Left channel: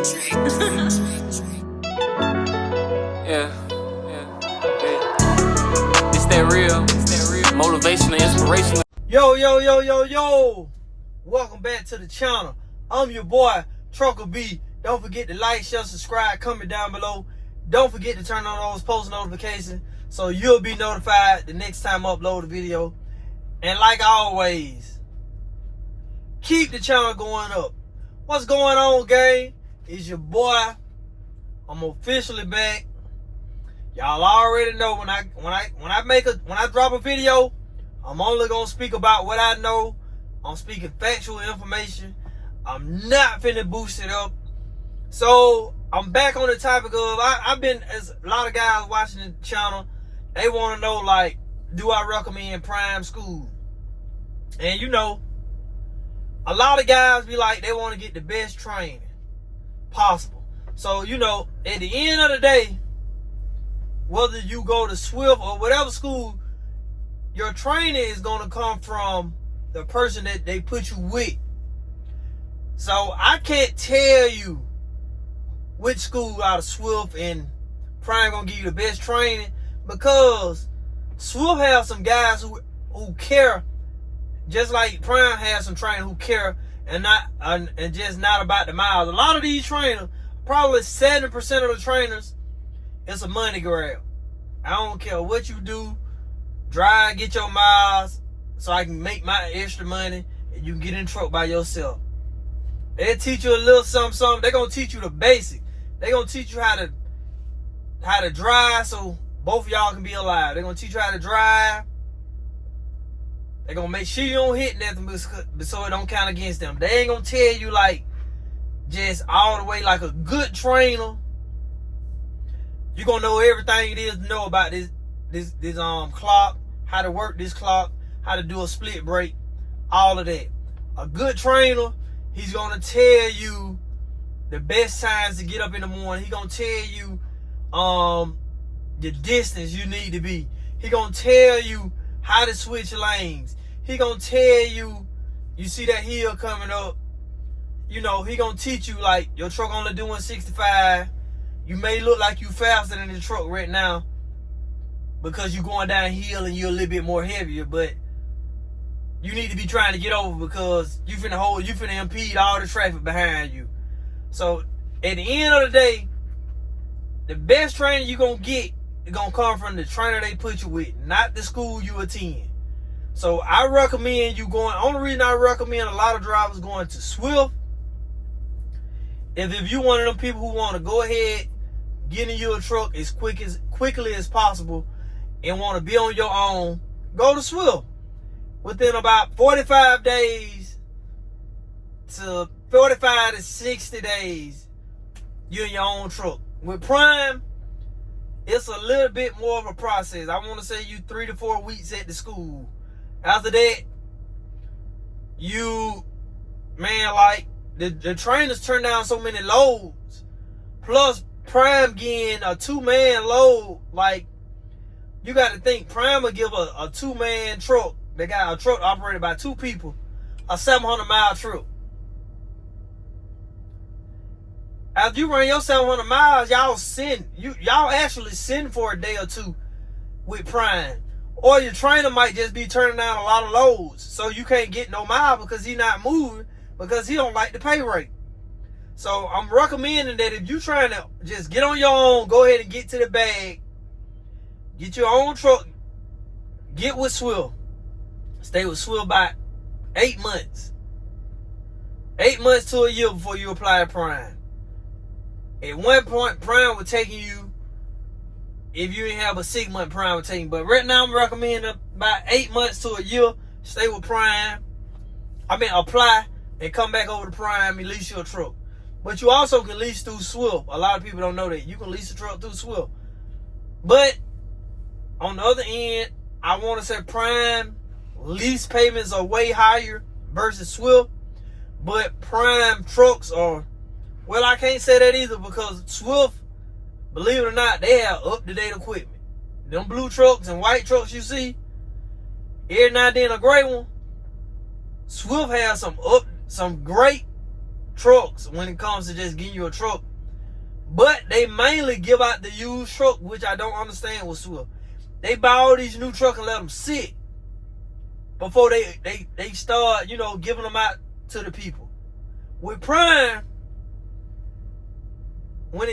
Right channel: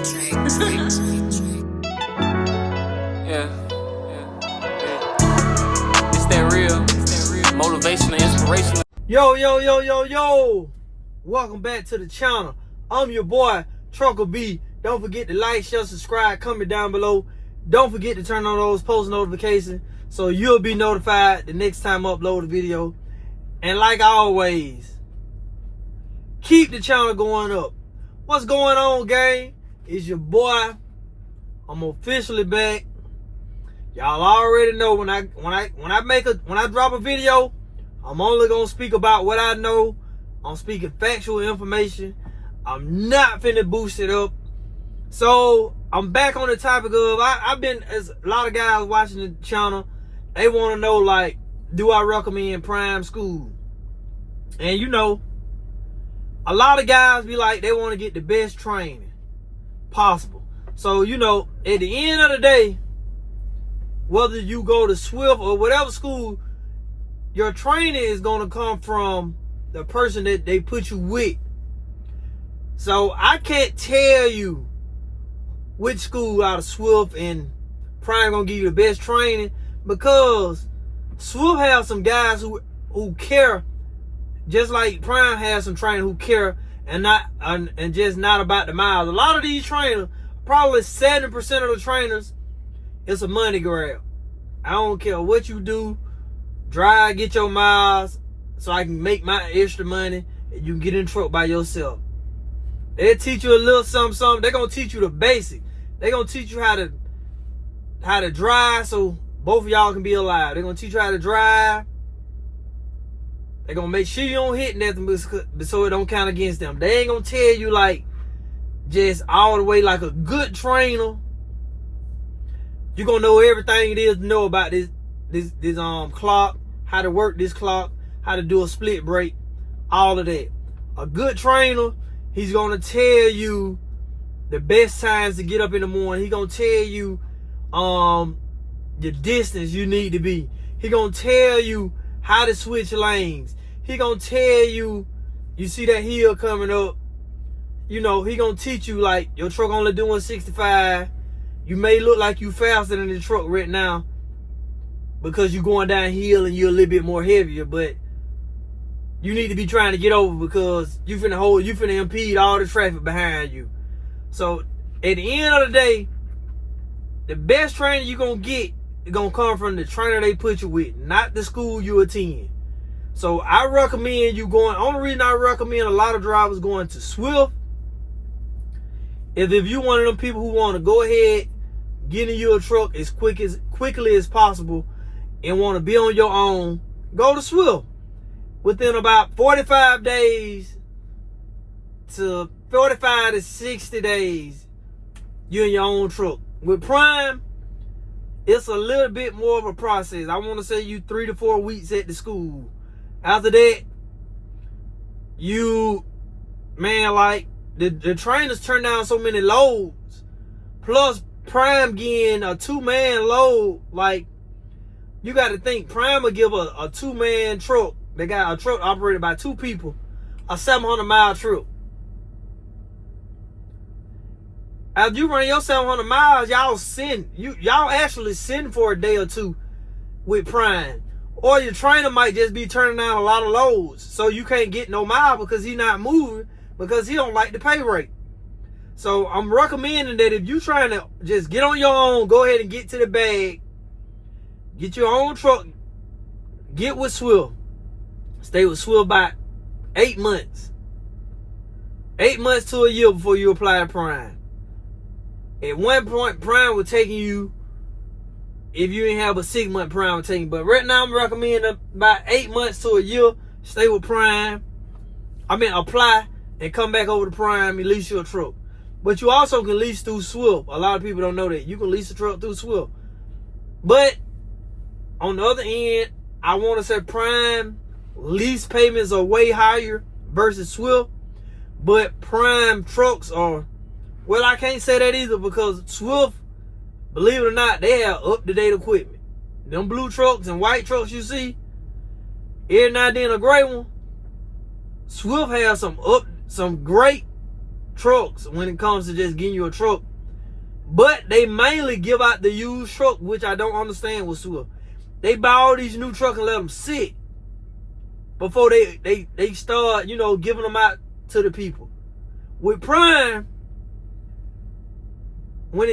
It's that real, motivational, inspirational. Yo. Welcome back to the channel. I'm your boy, Trucker B. Don't forget to like, share, subscribe, comment down below. Don't forget to turn on those post notifications so you'll be notified the next time I upload a video. And like always, keep the channel going up. What's going on, gang? It's your boy. I'm officially back. Y'all already know when I drop a video, I'm only gonna speak about what I know. I'm speaking factual information. I'm not finna boost it up. So I'm back on the topic of I've been, as a lot of guys watching the channel, they want to know, like, do I recommend prime school? And you know, a lot of guys be like, they want to get the best training possible. So, you know, at the end of the day, whether you go to Swift or whatever school, your training is going to come from the person that they put you with. So I can't tell you which school out of Swift and Prime going to give you the best training, because Swift has some guys who care, just like Prime has some trainers who care and just not about the miles. A lot of these trainers, probably 70% of the trainers, it's a money grab. I don't care what you do. Drive, get your miles so I can make my extra money and you can get in the truck by yourself. They'll teach you a little something. They're going to teach you the basic. They're going to teach you how to drive so both of y'all can be alive. They're going to teach you how to drive. They're going to make sure you don't hit nothing so it don't count against them. They ain't going to tell you, like, just all the way like a good trainer. You're going to know everything it is to know about this clock, how to work this clock, how to do a split break, all of that. A good trainer, he's going to tell you the best times to get up in the morning. He's going to tell you the distance you need to be. He's going to tell you how to switch lanes. He's going to tell you, you see that hill coming up, you know, he going to teach you, like, your truck only doing 65. You may look like you faster than the truck right now because you're going downhill and you're a little bit more heavier, but you need to be trying to get over because you finna impede all the traffic behind you. So at the end of the day, the best training you're gonna get is gonna come from the trainer they put you with, not the school you attend. So I recommend you going. Only reason I recommend a lot of drivers going to Swift is if you one of them people who want to go ahead, get in your truck as quickly as possible and want to be on your own, go to Swift. Within about 45 days to 45 to 60 days, you're in your own truck. With Prime, it's a little bit more of a process. I want to say you 3 to 4 weeks at the school. After that, like, the trainers turn down so many loads. Plus, Prime getting a 2-man load. Like, you got to think, Prime will give a 2-man truck. They got a truck operated by 2 people, a 700-mile trip. After you run your 700 miles, y'all actually send for a day or two with Prime. Or your trainer might just be turning down a lot of loads, so you can't get no mile because he's not moving because he don't like the pay rate. So I'm recommending that if you're trying to just get on your own, go ahead and get to the bag, get your own truck, get with Swift. Stay with Swift about 8 months. 8 months to a year before you apply to Prime. At one point, Prime was taking you, if you didn't have a 6-month Prime was taking you. But right now, I'm recommending about 8 months to a year. Stay with Prime. Apply and come back over to Prime and lease your truck. But you also can lease through Swift. A lot of people don't know that. You can lease a truck through Swift. But on the other end, I want to say Prime lease payments are way higher versus Swift, but Prime trucks are, well, I can't say that either because Swift, believe it or not, they have up-to-date equipment. Them blue trucks and white trucks you see, every now and then a gray one, Swift has some great trucks when it comes to just getting you a truck. But they mainly give out the used truck, which I don't understand with Swift. They buy all these new trucks and let them sit before they start, giving them out to the people. With Prime,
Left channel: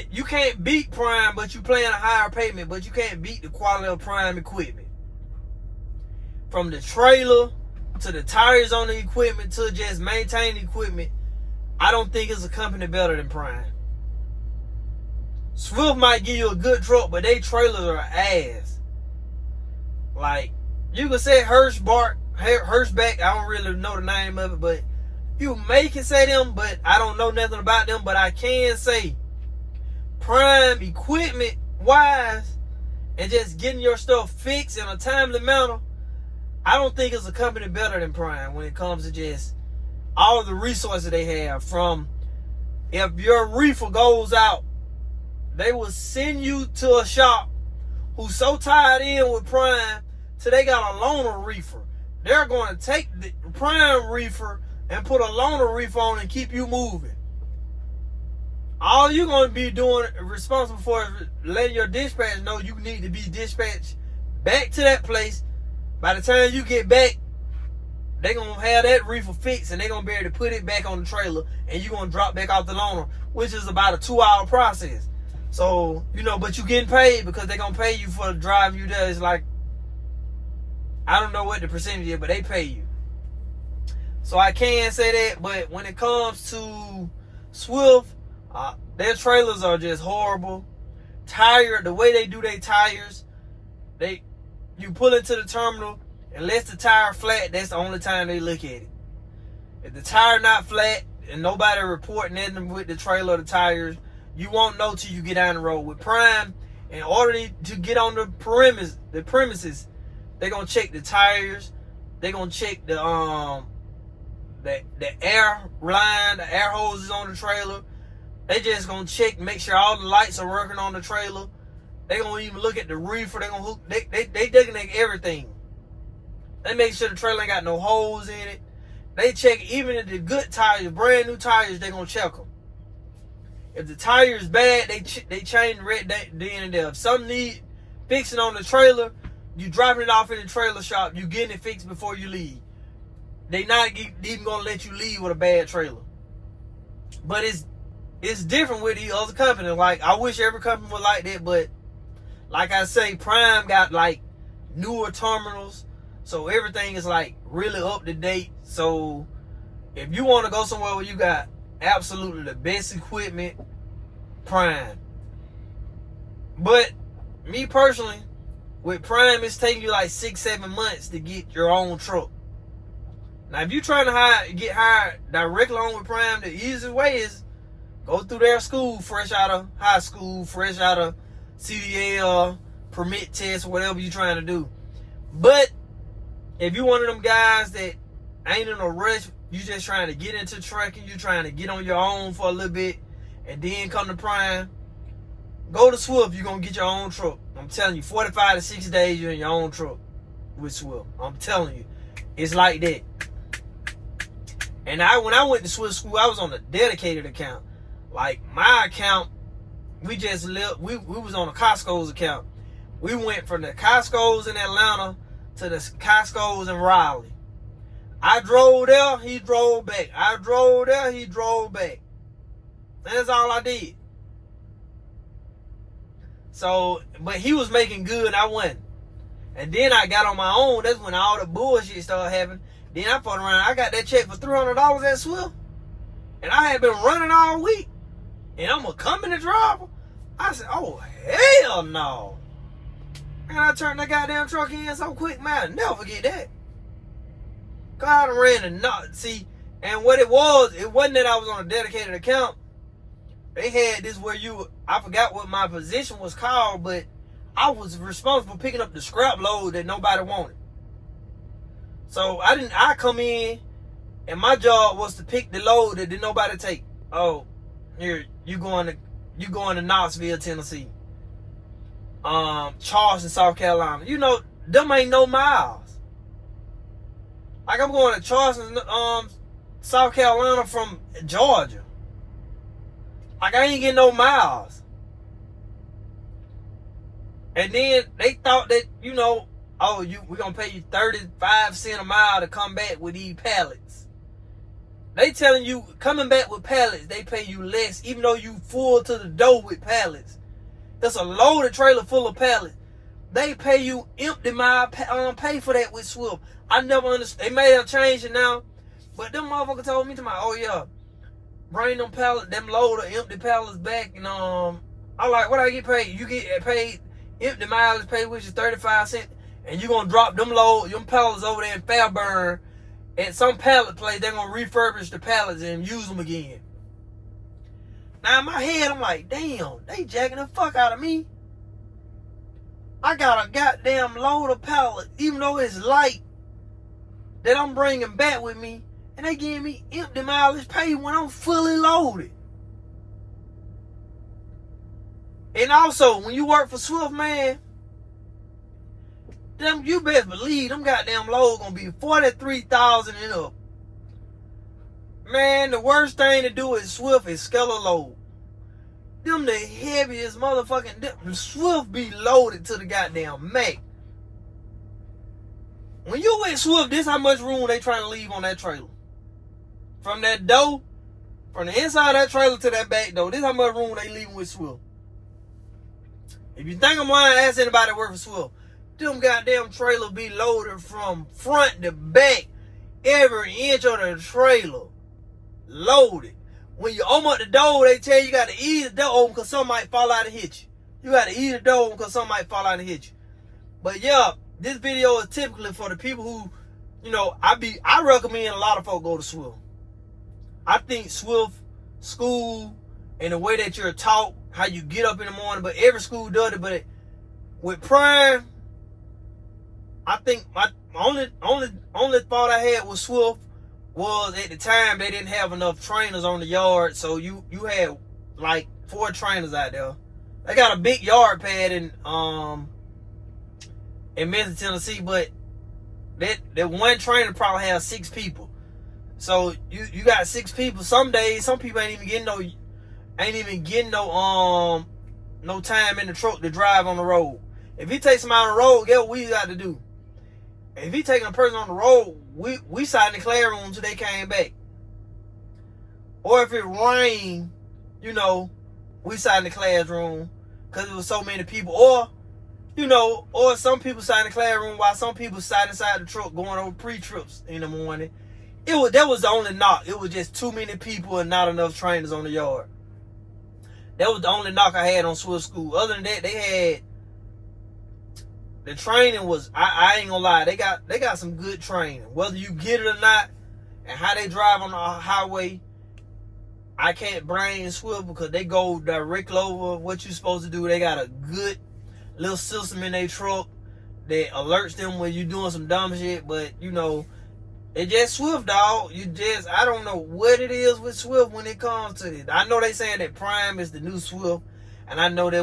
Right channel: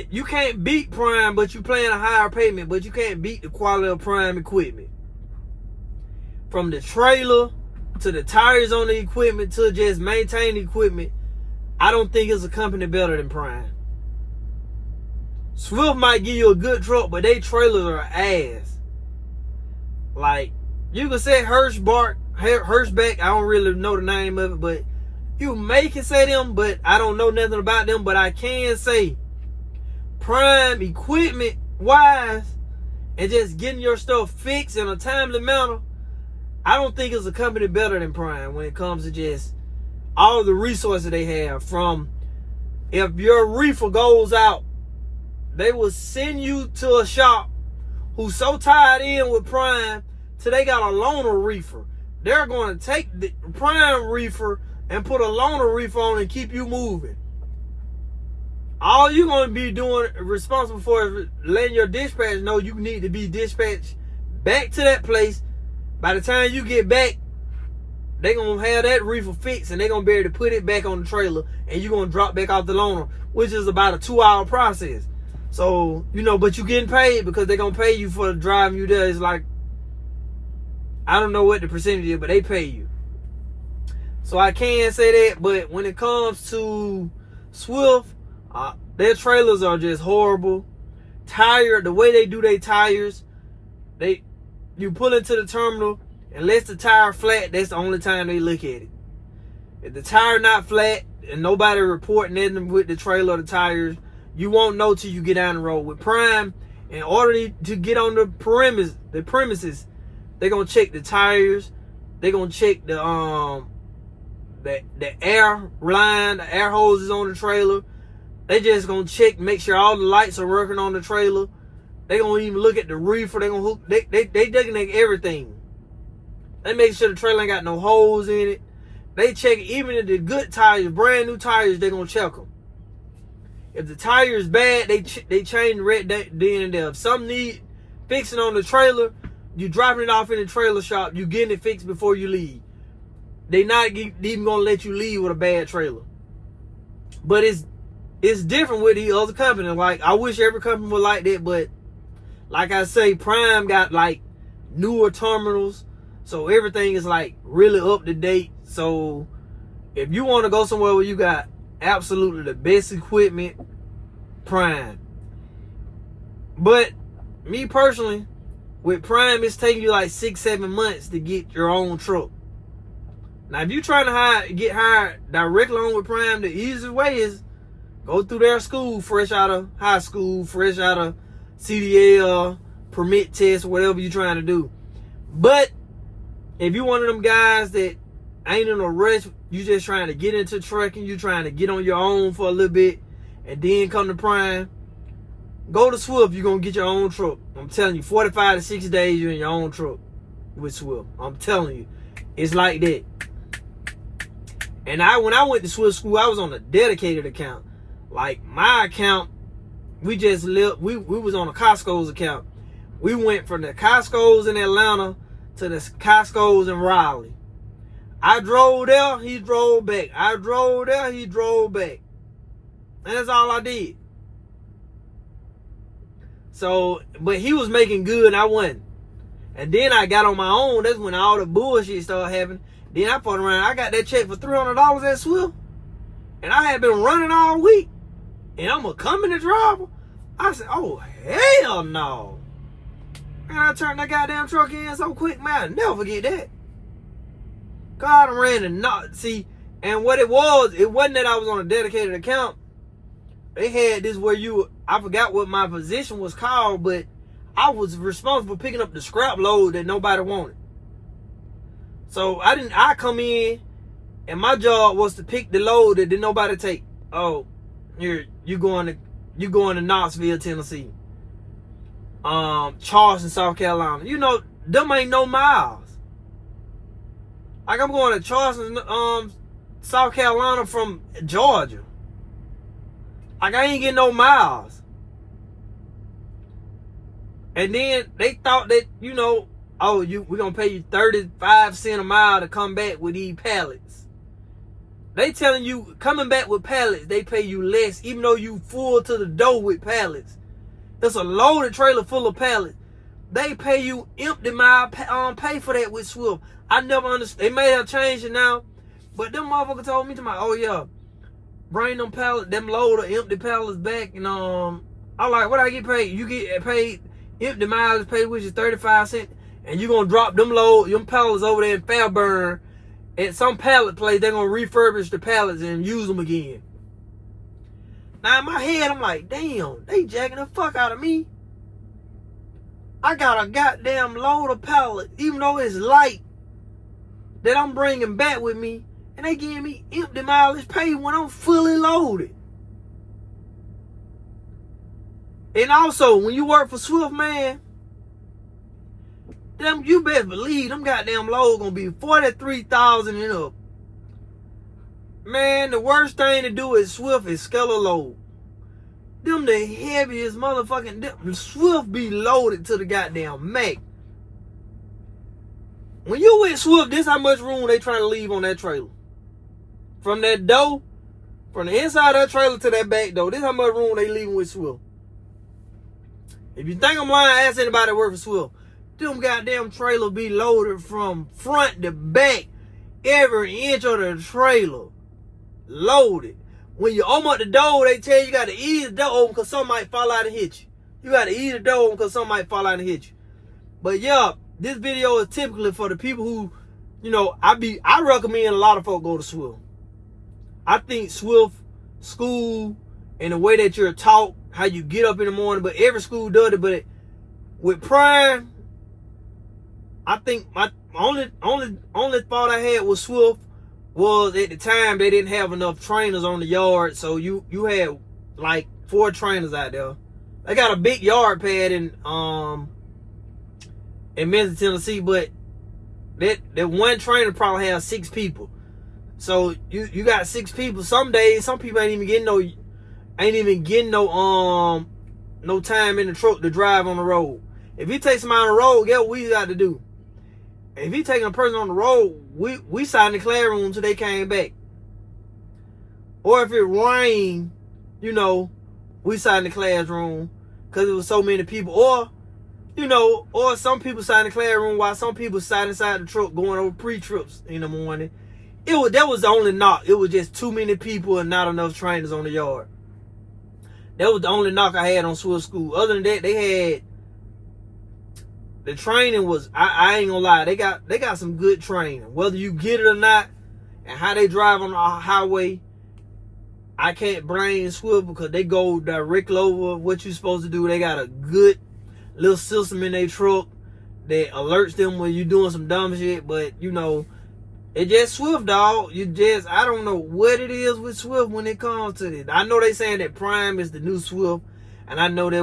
you can't beat Prime, but you paying a higher payment, but you can't beat the quality of Prime equipment. From the trailer to the tires on the equipment to just maintain the equipment, I don't think it's a company better than Prime. Swift might give you a good truck, but they trailers are ass. Like, you can say Hirschback, I don't really know the name of it, but you may can say them, but I don't know nothing about them. But I can say Prime equipment wise and just getting your stuff fixed in a timely manner, I don't think it's a company better than Prime when it comes to just all the resources they have. From if your reefer goes out, they will send you to a shop who's so tied in with Prime till they got a loaner reefer. They're going to take the Prime reefer and put a loaner reefer on and keep you moving. All you're going to be doing, responsible for, is letting your dispatch know you need to be dispatched back to that place. By the time you get back, they're going to have that reefer fixed and they're going to be able to put it back on the trailer and you're going to drop back off the loaner, which is about a 2-hour process. So, but you're getting paid because they're going to pay you for the driving you there. It's like, I don't know what the percentage is, but they pay you. So I can't say that, but when it comes to Swift, their trailers are just horrible. The way they do their tires, you pull into the terminal, unless the tire flat, that's the only time they look at it. If the tire not flat and nobody reporting anything with the trailer or the tires, you won't know till you get down the road. With Prime, in order to get on the premises, they're gonna check the tires, they're gonna check the air line, the air hoses on the trailer. They just gonna check, make sure all the lights are working on the trailer. They gonna even look at the reefer. They gonna hook. They looking at everything. They make sure the trailer ain't got no holes in it. They check even if the good tires, brand new tires, they gonna check them. If the tire is bad, they change the red then and there. If something need fixing on the trailer, you dropping it off in the trailer shop. You getting it fixed before you leave. They not even gonna let you leave with a bad trailer. But it's different with the other company. Like, I wish every company was like that, but like I say, Prime got like newer terminals, so everything is like really up to date. So if you want to go somewhere where you got absolutely the best equipment, Prime. But me personally, with Prime, it's taking you like 6-7 months to get your own truck. Now, if you're trying to get hired directly on with Prime, the easiest way is go through their school, fresh out of high school, fresh out of CDL, permit test, whatever you're trying to do. But if you're one of them guys that ain't in a rush, you just trying to get into trucking, you trying to get on your own for a little bit, and then come to Prime, go to Swift, you're going to get your own truck. I'm telling you, 45 to 60 days, you're in your own truck with Swift. I'm telling you, it's like that. And when I went to Swift school, I was on a dedicated account. Like, my account, we was on the Costco's account. We went from the Costco's in Atlanta to the Costco's in Raleigh. I drove there, he drove back. I drove there, he drove back. And that's all I did. So, but he was making good and I wasn't. And then I got on my own. That's when all the bullshit started happening. Then I fucked around. I got that check for $300 at Swift. And I had been running all week. And I'm a company driver. I said, oh, hell no. Man, I turned that goddamn truck in so quick, man. I'll never forget that. God, I ran and not. See, and what it wasn't that I was on a dedicated account. They had this where I forgot what my position was called, but I was responsible for picking up the scrap load that nobody wanted. So I come in and my job was to pick the load that didn't nobody take. Oh, you going to Knoxville, Tennessee. Charleston, South Carolina. Them ain't no miles. Like, I'm going to Charleston, South Carolina from Georgia. Like, I ain't getting no miles. And then they thought that, you know, oh, we're going to pay you 35 cents a mile to come back with these pallets. They telling you, coming back with pallets, they pay you less, even though you full to the door with pallets. That's a loaded trailer full of pallets. They pay you empty mile pay for that with Swift. I never understood. They may have changed it now, but them motherfuckers told me, oh yeah, bring them pallets, them load of empty pallets back, and I'm like, what I get paid? You get paid empty mileage pay, which is 35 cents, and you gonna drop them pallets over there in Fairburn at some pallet place. They're gonna refurbish the pallets and use them again. Now in my head, I'm like, damn, they jacking the fuck out of me. I got a goddamn load of pallets, even though it's light, that I'm bringing back with me, and they giving me empty mileage pay when I'm fully loaded. And also, when you work for Swift, man, them, you best believe them goddamn loads gonna be 43,000 and up. Man, the worst thing to do with Swift is scalar load. Them the heaviest motherfucking, them Swift be loaded to the goddamn max. When you with Swift, this how much room they trying to leave on that trailer. From that door, from the inside of that trailer to that back door, this how much room they leaving with Swift. If you think I'm lying, ask anybody that work for Swift. Them goddamn trailer be loaded from front to back. Every inch of the trailer loaded. When you open up the door, they tell you gotta ease the door open because something might fall out and hit you. You gotta ease the door open because something might fall out and hit you. But yeah, this video is typically for the people who, you know, I recommend a lot of folks go to Swift. I think Swift school and the way that you're taught, how you get up in the morning, but every school does it. But with Prime, I think my only thought I had with Swift was at the time they didn't have enough trainers on the yard, so you had like 4 trainers out there. They got a big yard pad in Memphis, Tennessee, but that one trainer probably has 6 people. So you got 6 people. Some days, some people ain't even getting no time in the truck to drive on the road. If he takes somebody on the road, guess what we got to do? If he taking a person on the road, we sat in the classroom until they came back. Or if it rained, you know, we sat in the classroom because it was so many people. Or, you know, or some people sat in the classroom while some people sat inside the truck going over pre-trips in the morning. That was the only knock. It was just too many people and not enough trainers on the yard. That was the only knock I had on Swift School. Other than that, they had, the training was, I ain't gonna lie, they got some good training. Whether you get it or not, and how they drive on the highway, I can't blame Swift because they go directly over what you're supposed to do. They got a good little system in their truck that alerts them when you're doing some dumb shit. But, you know, it just Swift, dog. I don't know what it is with Swift when it comes to this. I know they saying that Prime is the new Swift. And I know that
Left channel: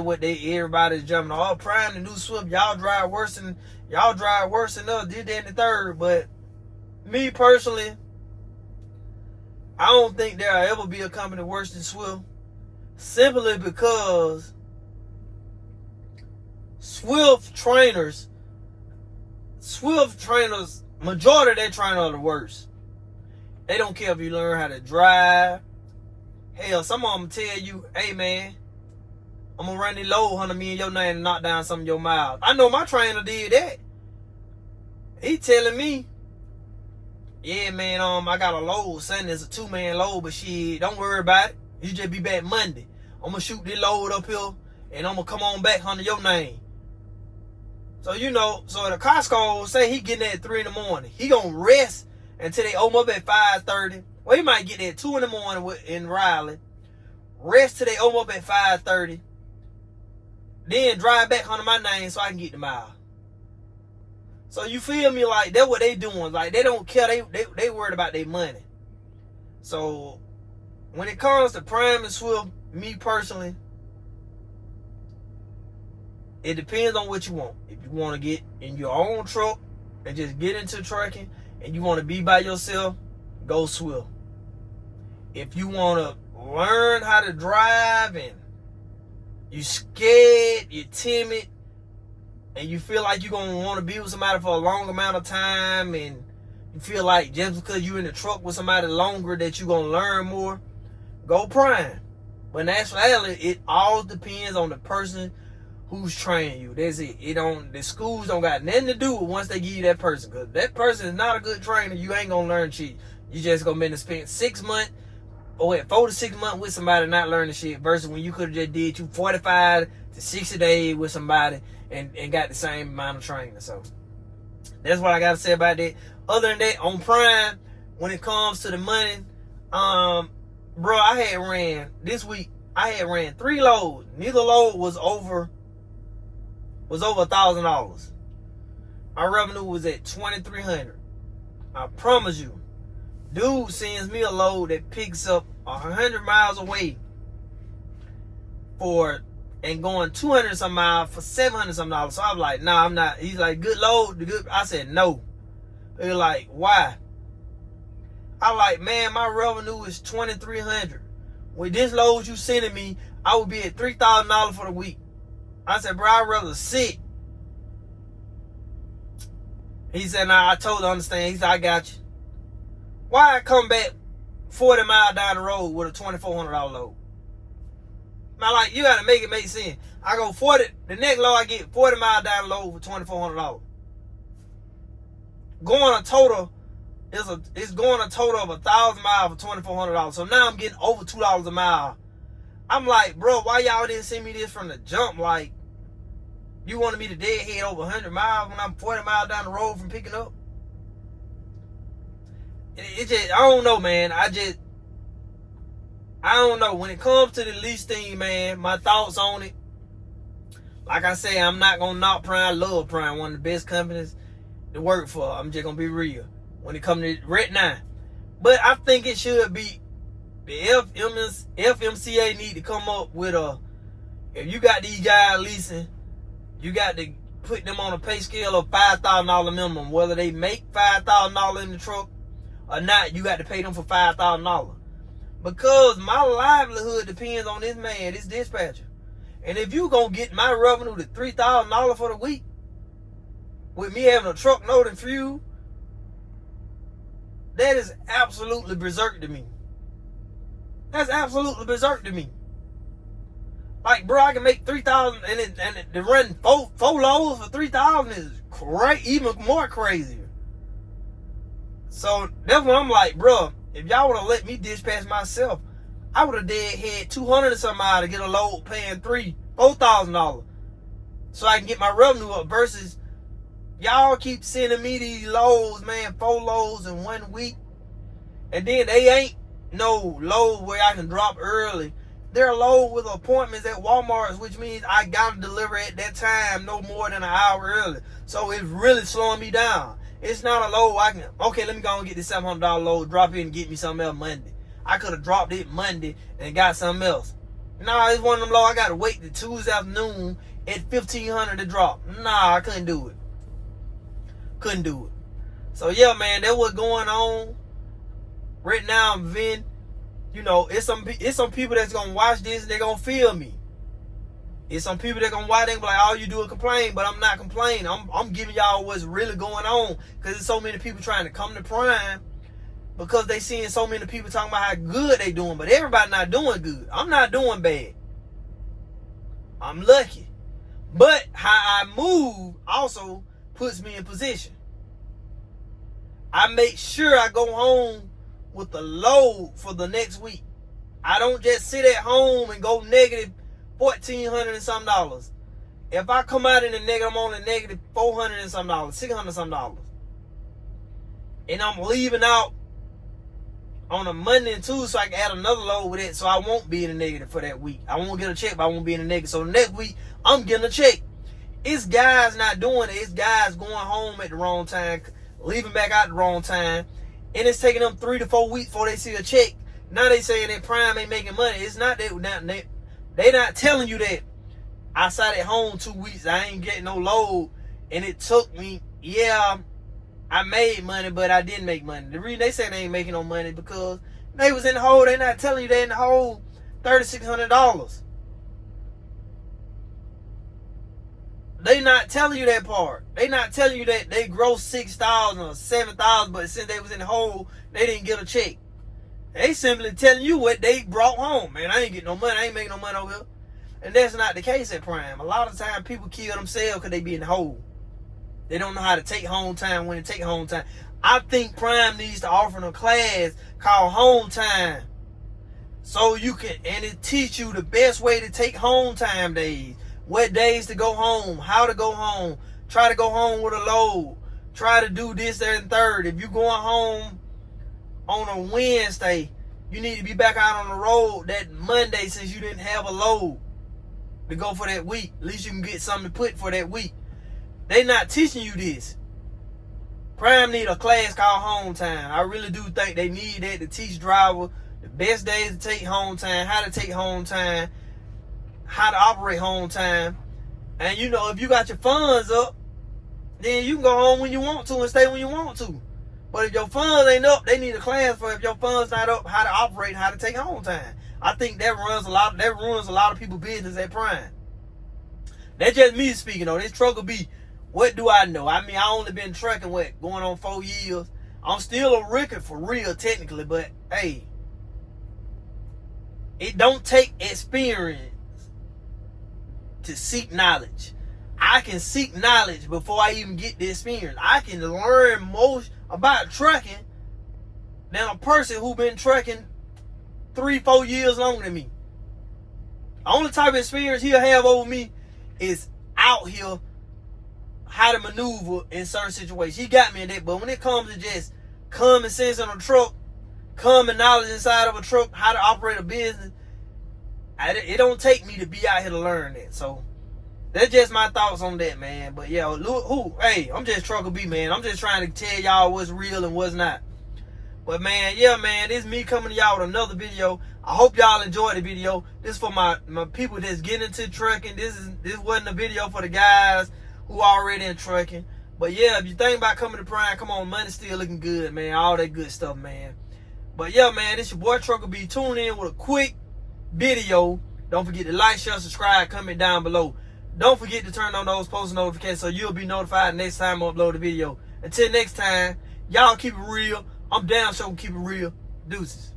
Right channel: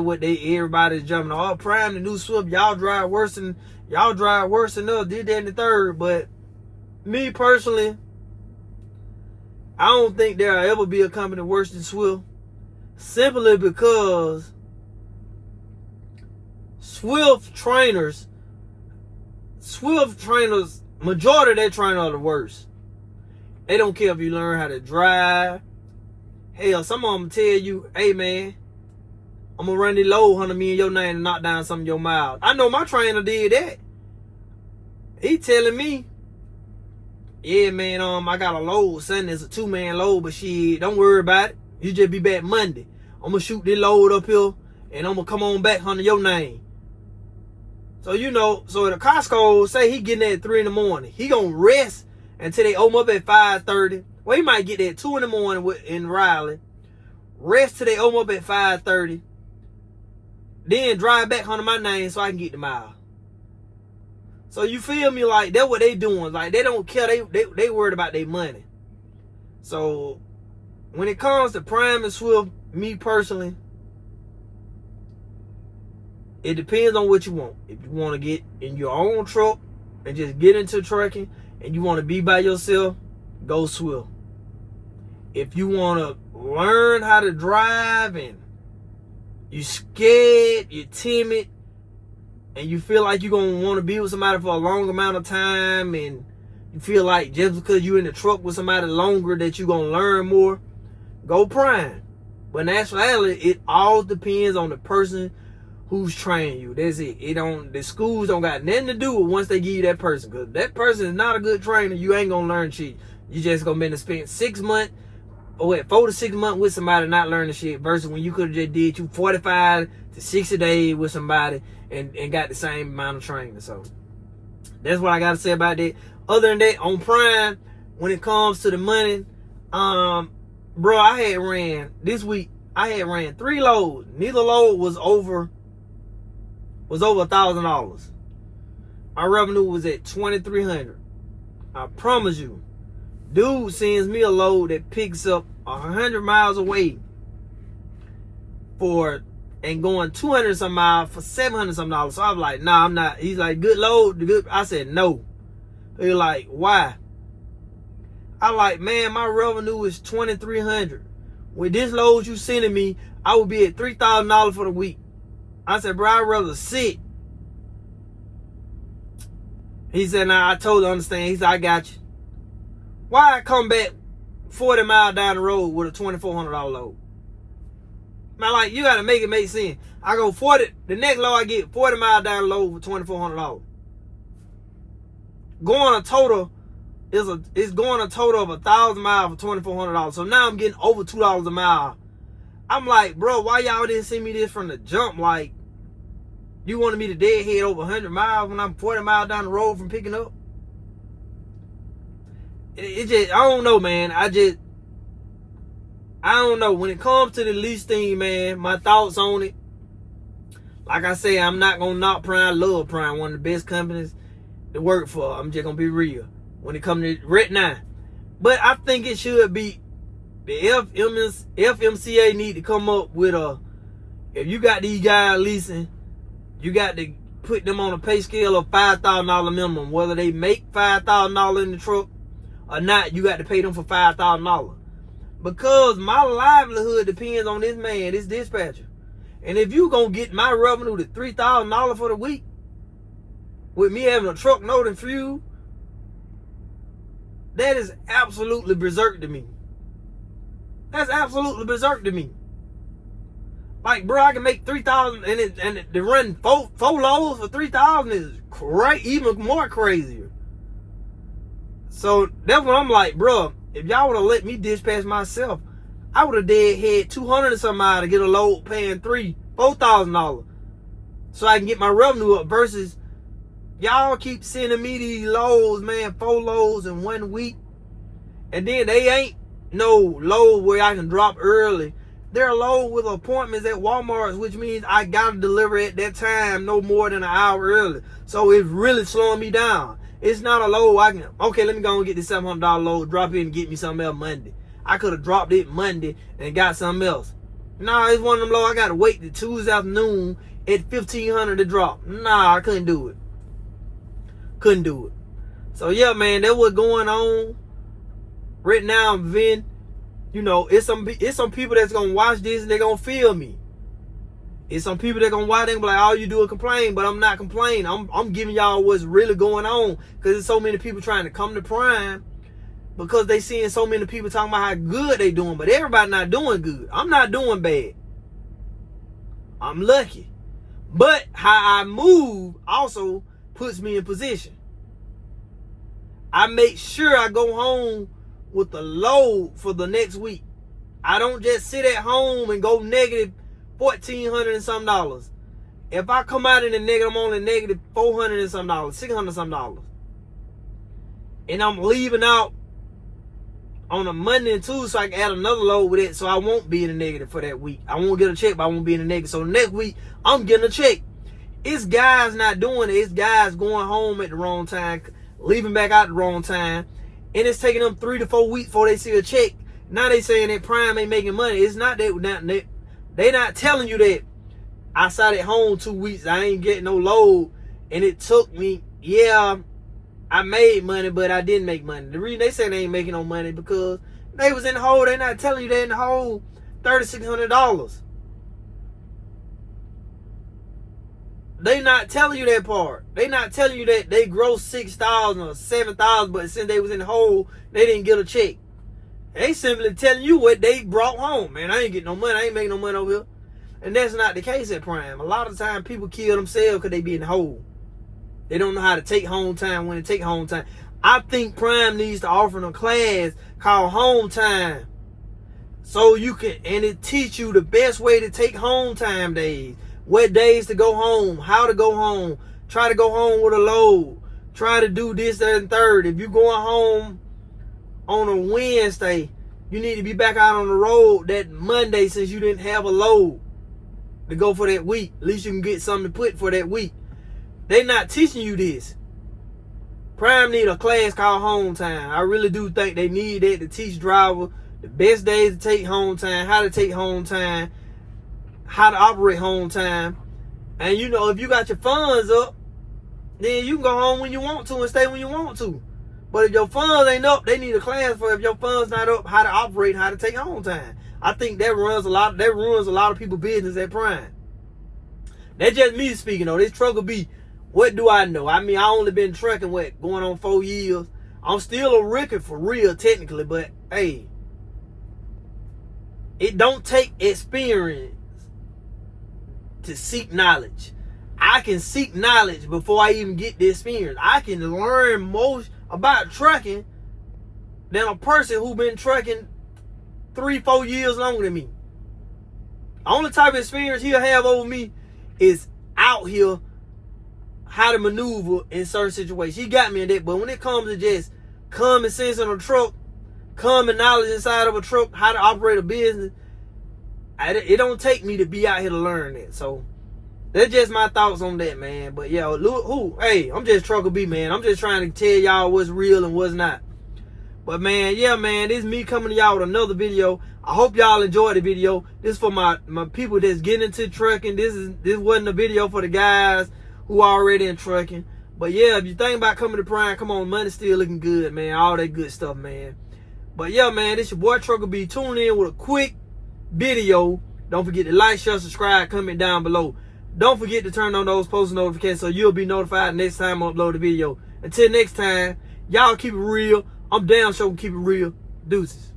everybody's jumping on. Oh, Prime, the new Swift, y'all drive worse than us, did that in the third. But me personally, I don't think there'll ever be a company worse than Swift. Simply because Swift trainers, majority of their trainers are the worst. They don't care if you learn how to drive. Hell, some of them tell you, hey man, I'm gonna run the load 100 me in your name and knock down some of your miles. I know my trainer did that. He telling me, yeah man, I got a load. Sunday is a 2-man load, but shit, don't worry about it. You just be back Monday. I'm gonna shoot this load up here and I'm gonna come on back under your name. So you know, so the Costco say he getting there at 3 in the morning. He gonna rest until they open up at 5:30. Well, he might get there at 2 in the morning in Raleigh. Rest till they open up at 5:30. Then drive back under my name so I can get the mile. So you feel me? Like, that's what they doing. Like, they don't care. They worried about their money. So when it comes to Prime and Swift, me personally, it depends on what you want. If you want to get in your own truck and just get into trucking and you want to be by yourself, go Swift. If you want to learn how to drive and you scared, you're timid, and you feel like you're going to want to be with somebody for a long amount of time, and you feel like just because you're in the truck with somebody longer that you're going to learn more, go prime. But in actuality, it all depends on the person who's training you. That's it. The schools don't got nothing to do with once they give you that person. Because that person is not a good trainer, you ain't going to learn shit. You just going to be spend 6 months, or 4 to 6 months with somebody not learning shit, versus when you could have just did you 45 to 60 days with somebody and got the same amount of training. So that's what I got to say about that. Other than that, on Prime, when it comes to the money, bro, this week, I had ran 3 loads. Neither load was over $1,000. My revenue was at $2,300. I promise you, dude sends me a load that picks up 100 miles away and going 200 some miles for $700 some dollars. So I'm like, nah, I'm not. He's like, good load, good. I said no. He's like, why? I like, man, my revenue is $2,300. With this load you sending me, I would be at $3,000 for the week. I said, bro, I'd rather sit. He said, nah, I totally understand. He said, I got you. Why I come back 40 miles down the road with a $2,400 load? Man, like, you gotta make it make sense. I go 40, the next load I get 40 miles down the road with $2,400. Going a total of 1,000 miles for $2,400. So now I'm getting over $2 a mile. I'm like, bro, why y'all didn't send me this from the jump? Like, you wanted me to deadhead over 100 miles when I'm 40 miles down the road from picking up? It just, I don't know, man. I don't know. When it comes to the lease thing, man, my thoughts on it, like I say, I'm not going to knock Prime. I love Prime, one of the best companies to work for. I'm just going to be real when it comes to right now. But I think it should be, the FMCA need to come up with if you got these guys leasing, you got to put them on a pay scale of $5,000 minimum. Whether they make $5,000 in the truck or not, you got to pay them for $5,000. Because my livelihood depends on this man, this dispatcher. And if you gonna get my revenue to $3,000 for the week, with me having a truck note and fuel, that is absolutely berserk to me. That's absolutely berserk to me. Like, bro, I can make $3,000 and to run four loads for $3,000 is even more crazier. So that's what I'm like, bro. If y'all would have let me dispatch myself, I would have had 200 and some miles to get a load paying $4,000, so I can get my revenue up. Versus y'all keep sending me these loads, man, 4 loads in 1 week, and then they ain't no load where I can drop early. They're a load with appointments at Walmart, which means I gotta deliver at that time no more than an hour early. So it's really slowing me down. It's not a load I can, okay, let me go and get this $700 load, drop it and get me something else Monday. I could have dropped it Monday and got something else. Nah, it's one of them low. I gotta wait till Tuesday afternoon at $1,500 to drop. Nah, I couldn't do it. Couldn't do it. So yeah, man, that's what's going on right now. I'm venting. You know, it's some people that's gonna watch this and they're gonna feel me. It's some people that gonna watch and be like, all you do is complain, but I'm not complaining. I'm giving y'all what's really going on, because there's so many people trying to come to Prime because they seeing so many people talking about how good they doing, but everybody not doing good. I'm not doing bad. I'm lucky. But how I move also puts me in position. I make sure I go home with the load for the next week. I don't just sit at home and go negative $1,400 and some dollars. If I come out in the negative, I'm only negative $400 and some dollars, $600 some dollars. And I'm leaving out on a Monday and Tuesday, so I can add another load with it, so I won't be in the negative for that week. I won't get a check, but I won't be in the negative. So the next week, I'm getting a check. It's guys not doing it. It's guys going home at the wrong time, leaving back out the wrong time, and it's taking them 3 to 4 weeks before they see a check. Now they saying that Prime ain't making money. It's not that. They not telling you that I sat at home 2 weeks, I ain't getting no load, and it took me, yeah, I made money, but I didn't make money. The reason they say they ain't making no money because they was in the hole. They not telling you they in the hole $3,600. They not telling you that part. They not telling you that they grossed $6,000 or $7,000, but since they was in the hole, they didn't get a check. They simply telling you what they brought home. Man, I ain't getting no money. I ain't making no money over here. And that's not the case at Prime. A lot of times people kill themselves because they be in the hole. They don't know how to take home time when to take home time. I think Prime needs to offer a class called Hometime. So you can, and it teach you the best way to take home time days. What days to go home, how to go home, try to go home with a load, try to do this, that, and third. If you're going home on a Wednesday, you need to be back out on the road that Monday since you didn't have a load to go for that week. At least you can get something to put for that week. They're not teaching you this. Prime need a class called Hometime. I really do think they need that to teach drivers the best days to take home time, how to take home time, how to operate home time. And you know, if you got your funds up, then you can go home when you want to and stay when you want to. But if your funds ain't up, they need a class for if your funds not up, how to operate, how to take home time. I think that ruins a lot of people's business at Prime. That's just me speaking though. This truck will be, what do I know? I mean, I only been trucking going on 4 years. I'm still a record for real technically, but hey, it don't take experience to seek knowledge. I can seek knowledge before I even get the experience. I can learn most about trucking than a person who been trucking 3-4 years longer than me. The only type of experience he'll have over me is out here how to maneuver in certain situations. He got me in that, but when it comes to just common sense on a truck, common knowledge inside of a truck, how to operate a business, it don't take me to be out here to learn that. So that's just my thoughts on that, man. But yeah, hey, I'm just Trucker B, man. I'm just trying to tell y'all what's real and what's not. But man, yeah, man, this is me coming to y'all with another video. I hope y'all enjoyed the video. This for my people that's getting into trucking. This wasn't a video for the guys who are already in trucking. But yeah, if you think about coming to Prime, come on, money still looking good, man. All that good stuff, man. But yeah, man, this your boy Trucker B. Tune in with a quick video. Don't forget to like, share, subscribe, comment down below. Don't forget to turn on those post notifications so you'll be notified next time I upload a video. Until next time, y'all keep it real. I'm down, so keep it real. Deuces.